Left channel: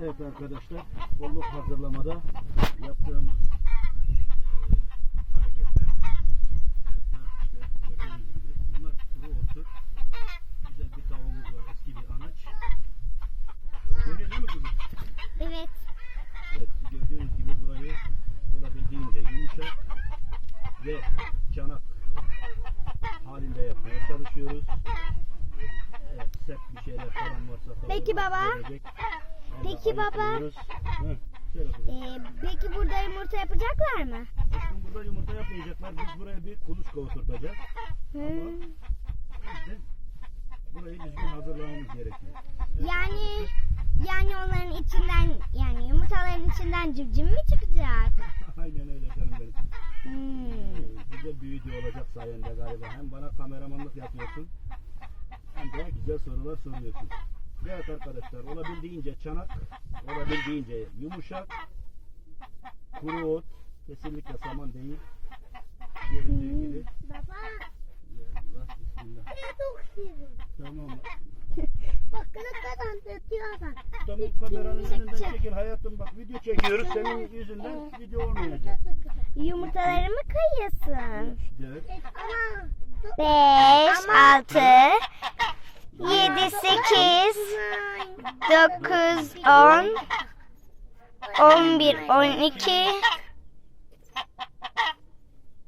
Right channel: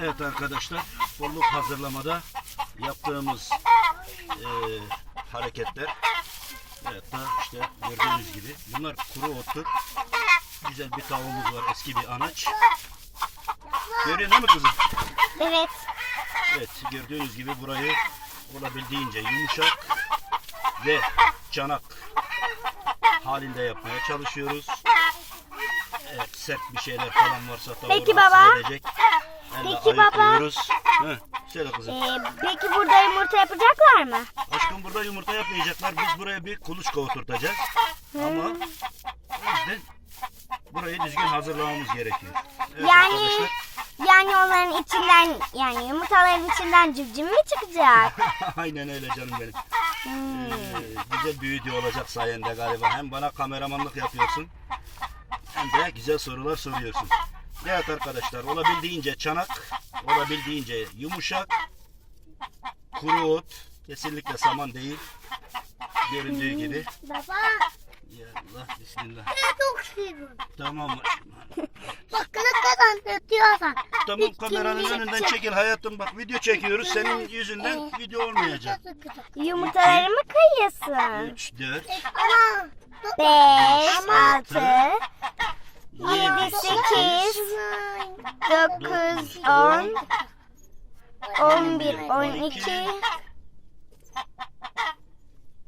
Evet arkadaşlar, bolluk hazırlamada yaptığımız e, hareketler evet da işte gördüğünüz gibi bunlar kuru ottur. Güzel bir tavuğumuz var, eski bir anaç. Görüyorsun değil mi kızım? Evet. Evet, gördüğünüz gibi burayı olabildiğince yumuşak ve canak halinde yapmaya çalışıyoruz. Evet, sert bir şeyler falan varsa tavuğu Peki baba. edecek. Peki baba. söyle kızım. Ee, peki burada yumurta yapacaklar mı? Aşkım burada yumurta yapmayacaklar. Biz buraya bir kuluçka oturtacağız. Ama yüzden burayı düzgün hazırlamamız gerekiyor. Evet Yani arkadaşlar. yani onların içinden yani yumurtaların içinden civciv mi çıkacak? Aynen öyle canım benim. Hmm. Ee, güzel video olacak sayende galiba. Hem bana kameramanlık yapıyorsun hem de güzel sorular soruyorsun. Evet arkadaşlar olabildiğince çanak, olabildiğince yumuşak, kuru ot, kesinlikle saman değil. Göründüğü gibi. Baba Ya Allah bismillah. ben çok seviyorum. Tamam. Bak ne kadar ötüyorsan. Tamam kameranın önünden çekil hayatım bak video çekiyoruz senin yüzünden video olmayacak. Yumurtalarımı kayıyorsun. 3, 4, Ama 5, Ama- 6, 7, 8, 9, 10, 11, 12,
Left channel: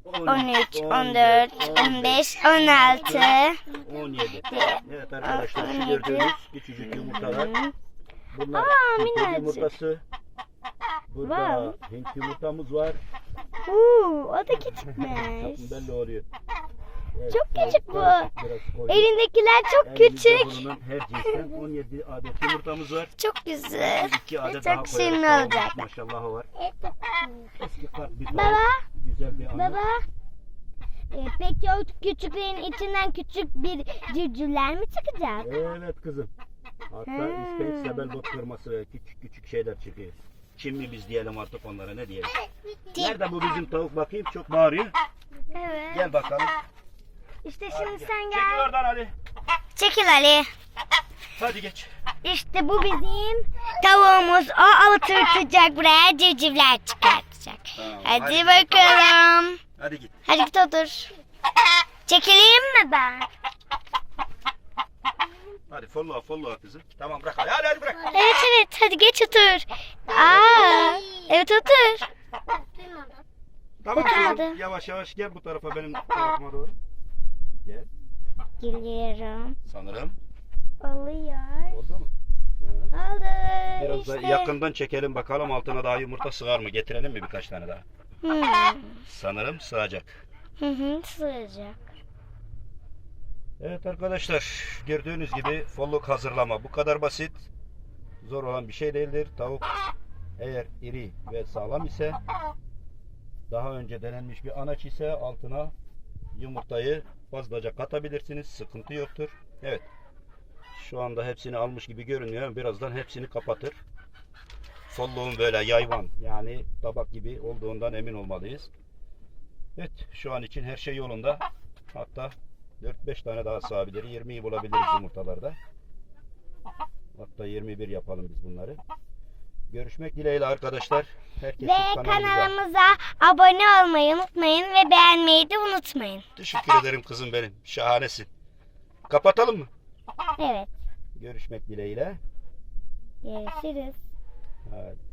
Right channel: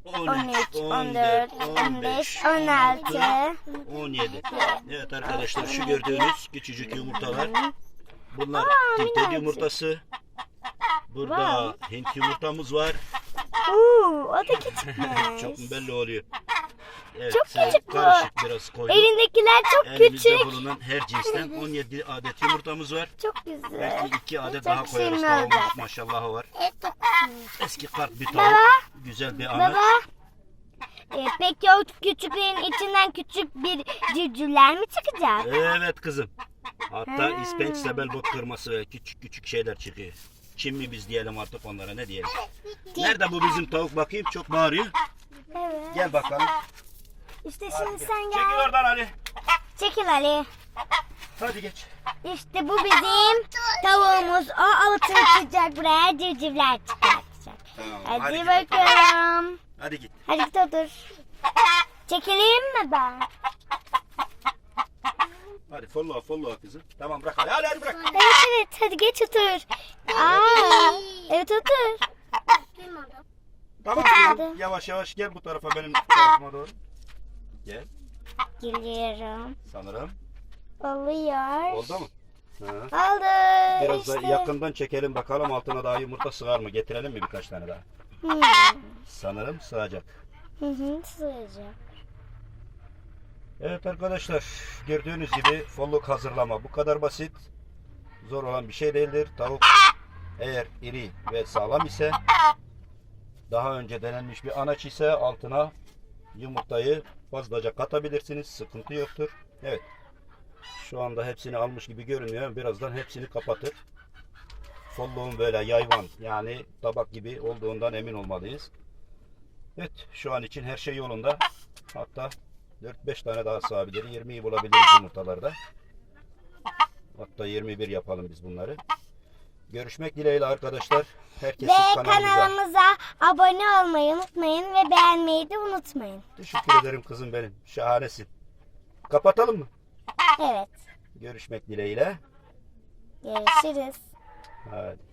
13, 14, 15, 16. 17. Evet arkadaşlar şu gördüğünüz küçücük yumurtalar. Bunlar Aa, Hint yumurtası. Burada Hint yumurtamız var. Uuu o da Çok küçükmüş. belli oluyor. Evet, Çok küçük bu. Elindekiler çok Elimizde küçük. bulunan her cinsten 17 adet yumurtamız var. Çok güzel. 2 adet Çok daha koyarız. şirin Tavuğumuz olacak. Maşallah var. Eski kart bir tavuk. Baba, Güzel bir anaç. baba. Ee, peki o küçüklerin içinden küçük bir civcivler mi çıkacak? Evet kızım. Hatta Hmm. ispenç sebelbot kırması ve küçük küçük şeyler çıkıyor. Çin mi biz diyelim artık onlara ne diyelim. Nerede bu bizim tavuk bakayım çok bağırıyor. Evet. Gel bakalım. İşte şimdi sen Çekil gel. oradan Ali. Çekil Ali. Hadi geç. İşte bu bizim tavuğumuz. O altı uçacak buraya civcivler çıkartacak. Tamam, Hadi hadi. bakalım. Hadi git. Hadi git otur. Çekileyim mi ben? Hadi follow follow kızım. Tamam bırak hadi hadi, bırak. Evet evet hadi geç otur. Aa, evet otur. Tamam kızım yavaş yavaş gel bu tarafa benim tarafıma doğru. Gel. Geliyorum. Sanırım. Oluyor. Oldu mu? Ha. Oldu. Biraz işte. da yakından çekelim bakalım altına daha yumurta sığar mı? Getirelim mi birkaç tane daha? Hmm. Sanırım sığacak. Hı hı sığacak. Evet arkadaşlar gördüğünüz gibi folluk hazırlama bu kadar basit. Zor olan bir şey değildir. Tavuk eğer iri ve sağlam ise daha önce denenmiş bir anaç ise altına yumurtayı fazlaca katabilirsiniz. Sıkıntı yoktur. Evet. Şu anda hepsini almış gibi görünüyor. Birazdan hepsini kapatır. Folluğun böyle yayvan yani tabak gibi olduğundan emin olmalıyız. Evet şu an için her şey yolunda. Hatta 4-5 tane daha sığabilir. 20'yi bulabiliriz yumurtalarda. Hatta 21 yapalım biz bunları. Görüşmek dileğiyle arkadaşlar. Herkes Ve kanalımıza. kanalımıza abone olmayı unutmayın ve beğenmeyi de unutmayın. Teşekkür ederim kızım benim. Şahanesin. Kapatalım mı? Evet. Görüşmek dileğiyle. Görüşürüz. Hadi.